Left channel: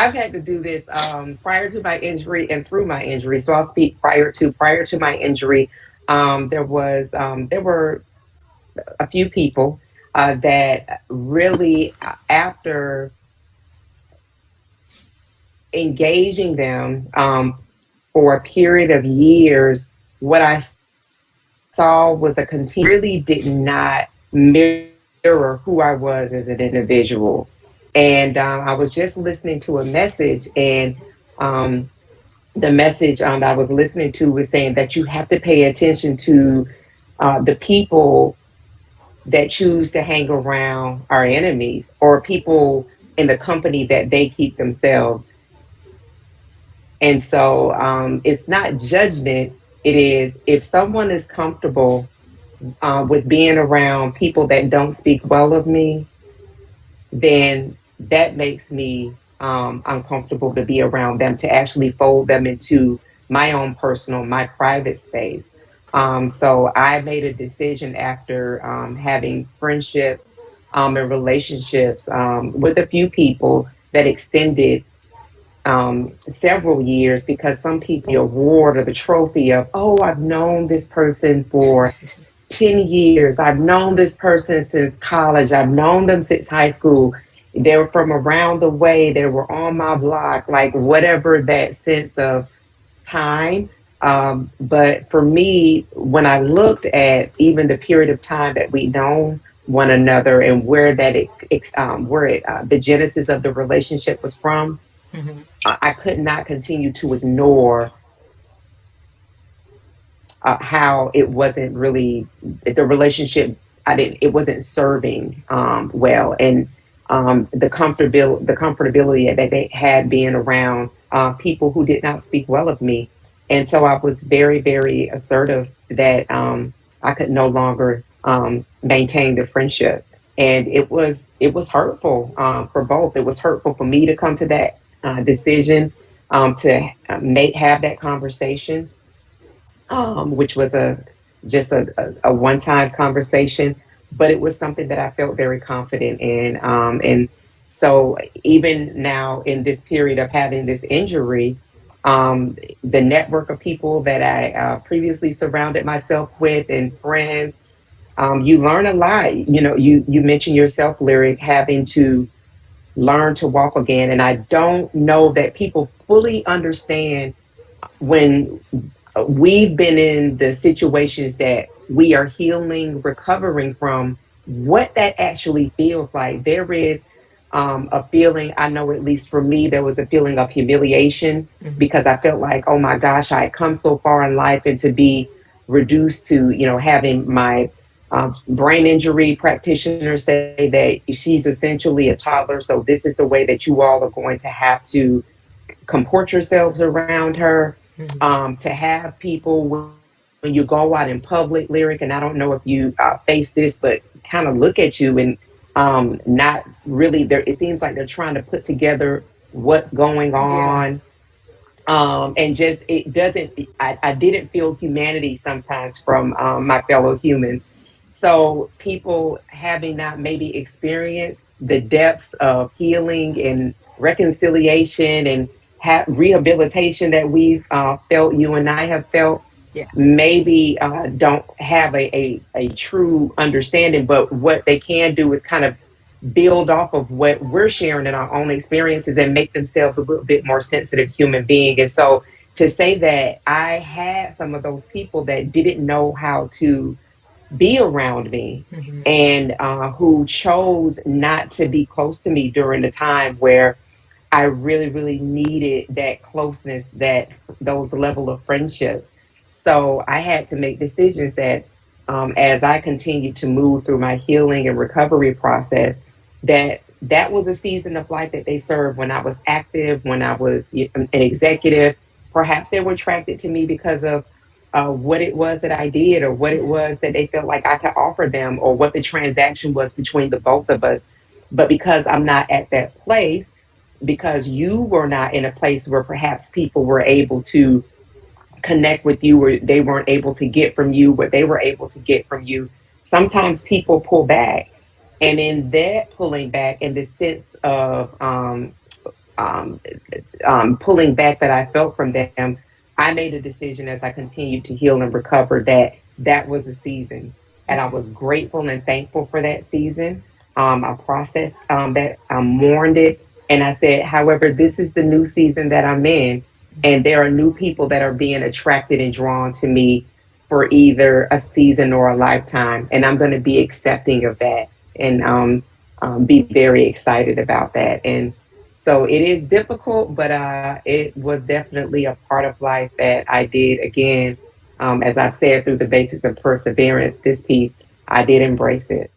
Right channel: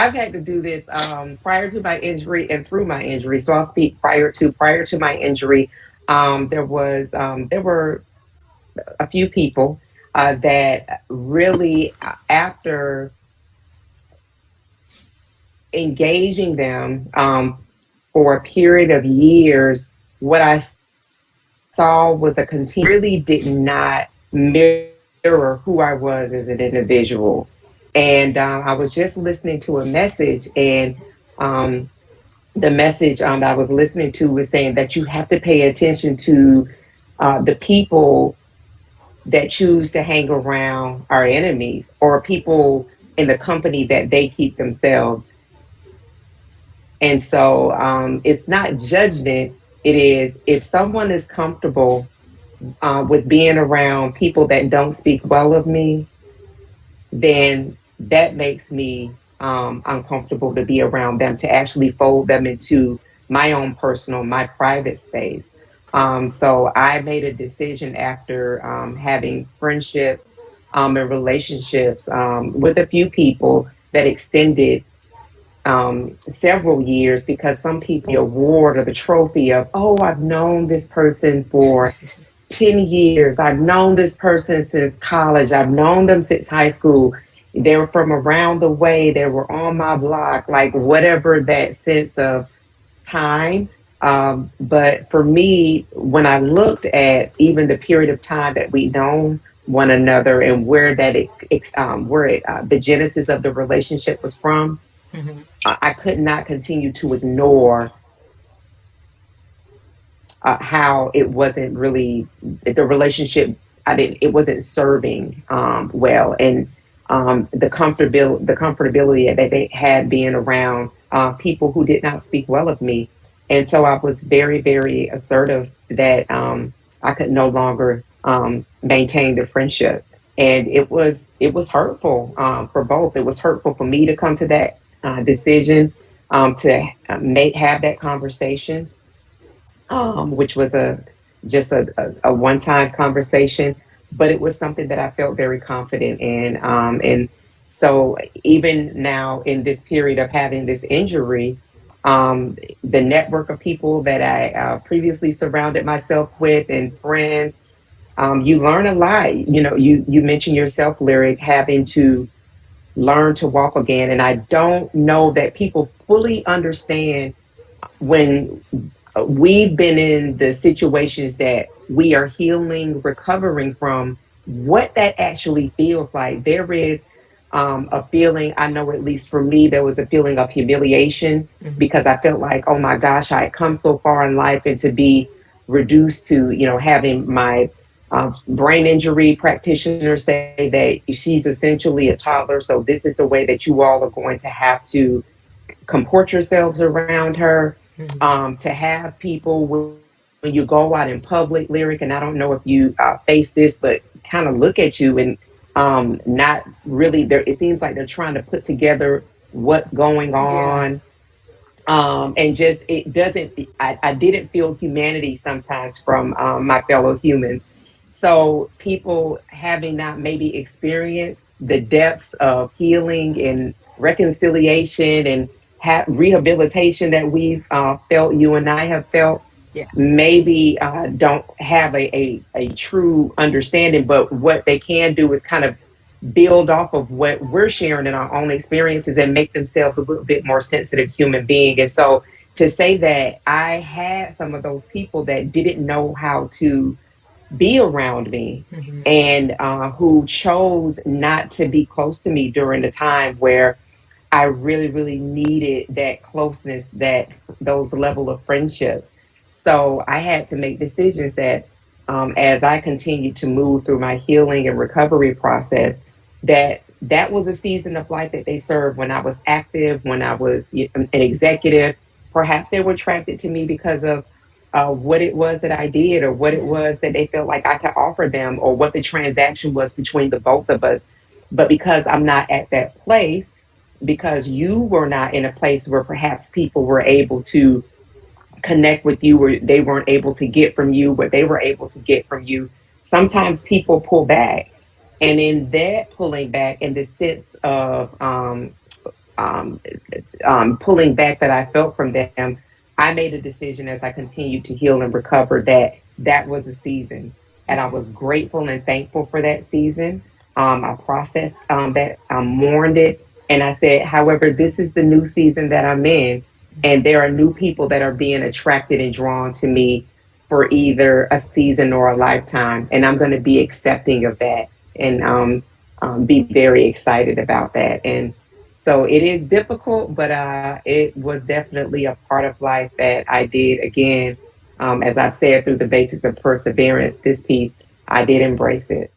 I've had to do this prior to my injury and through my injury. So I'll speak prior to my injury. There were a few people that really, after engaging them for a period of years, what I saw was a really did not mirror who I was as an individual. And I was just listening to a message, and um, the message that I was listening to was saying that you have to pay attention to the people that choose to hang around our enemies, or people in the company that they keep themselves. And so it's not judgment. It is, if someone is comfortable with being around people that don't speak well of me, then that makes me uncomfortable to be around them, to actually fold them into my own personal, my private space. So I made a decision after having friendships and relationships with a few people that extended several years, because some people award or the trophy of, oh, I've known this person for 10 years. I've known this person since college. I've known them since high school. They were from around the way. They were on my block, like whatever that sense of time. But for me, when I looked at even the period of time that we known one another, and where the genesis of the relationship was from, Hmm. I could not continue to ignore how it wasn't really the relationship. I didn't. It wasn't serving well, and the comfortability that they had being around people who did not speak well of me, and so I was very, very assertive that I could no longer maintain the friendship, and it was hurtful for both. It was hurtful for me to come to that decision, to make have that conversation, which was a one time conversation, but it was something that I felt very confident in. And so even now in this period of having this injury, the network of people that I previously surrounded myself with and friends, you learn a lot. You mentioned yourself, Lyric, having to learn to walk again. And I don't know that people fully understand when we've been in the situations that we are healing, recovering from, what that actually feels like. There is a feeling, I know at least for me, there was a feeling of humiliation, Hmm. because I felt like, oh my gosh, I had come so far in life, and to be reduced to, having my brain injury practitioner say that she's essentially a toddler. So this is the way that you all are going to have to comport yourselves around her, Hmm. to have people when you go out in public, Lyric, and I don't know if you face this, but kind of look at you and not really there. It seems like they're trying to put together what's going Yeah. on. And just it doesn't, I didn't feel humanity sometimes from my fellow humans. So people having not maybe experienced the depths of healing and reconciliation and rehabilitation that we've felt, you and I have felt, Yeah. maybe don't have a true understanding, but what they can do is kind of build off of what we're sharing in our own experiences and make themselves a little bit more sensitive human being. And so to say that I had some of those people that didn't know how to be around me, Hmm. and who chose not to be close to me during the time where I really, really needed that closeness, that those level of friendships. So I had to make decisions that, as I continued to move through my healing and recovery process, that was a season of life that they served when I was active, when I was an executive. Perhaps they were attracted to me because of what it was that I did, or what it Yeah. was that they felt like I could offer them, or what the transaction was between the both of us. But because I'm not at that place, because you were not in a place where perhaps people were able to connect with you, or they weren't able to get from you what they were able to get from you, sometimes people pull back. And in that pulling back, in the sense of um, pulling back that I felt from them, I made a decision as I continued to heal and recover that that was a season. And I Okay. was grateful and thankful for that season. I processed that, I mourned it. And I said, however, this is the new season that I'm in. And there are new people that are being attracted and drawn to me for either a season or a lifetime. And I'm going to be accepting of that and be very excited about that. And so it is difficult, but it was definitely a part of life that I did. Again, as I've said, through the basics of perseverance, this piece, I did embrace it.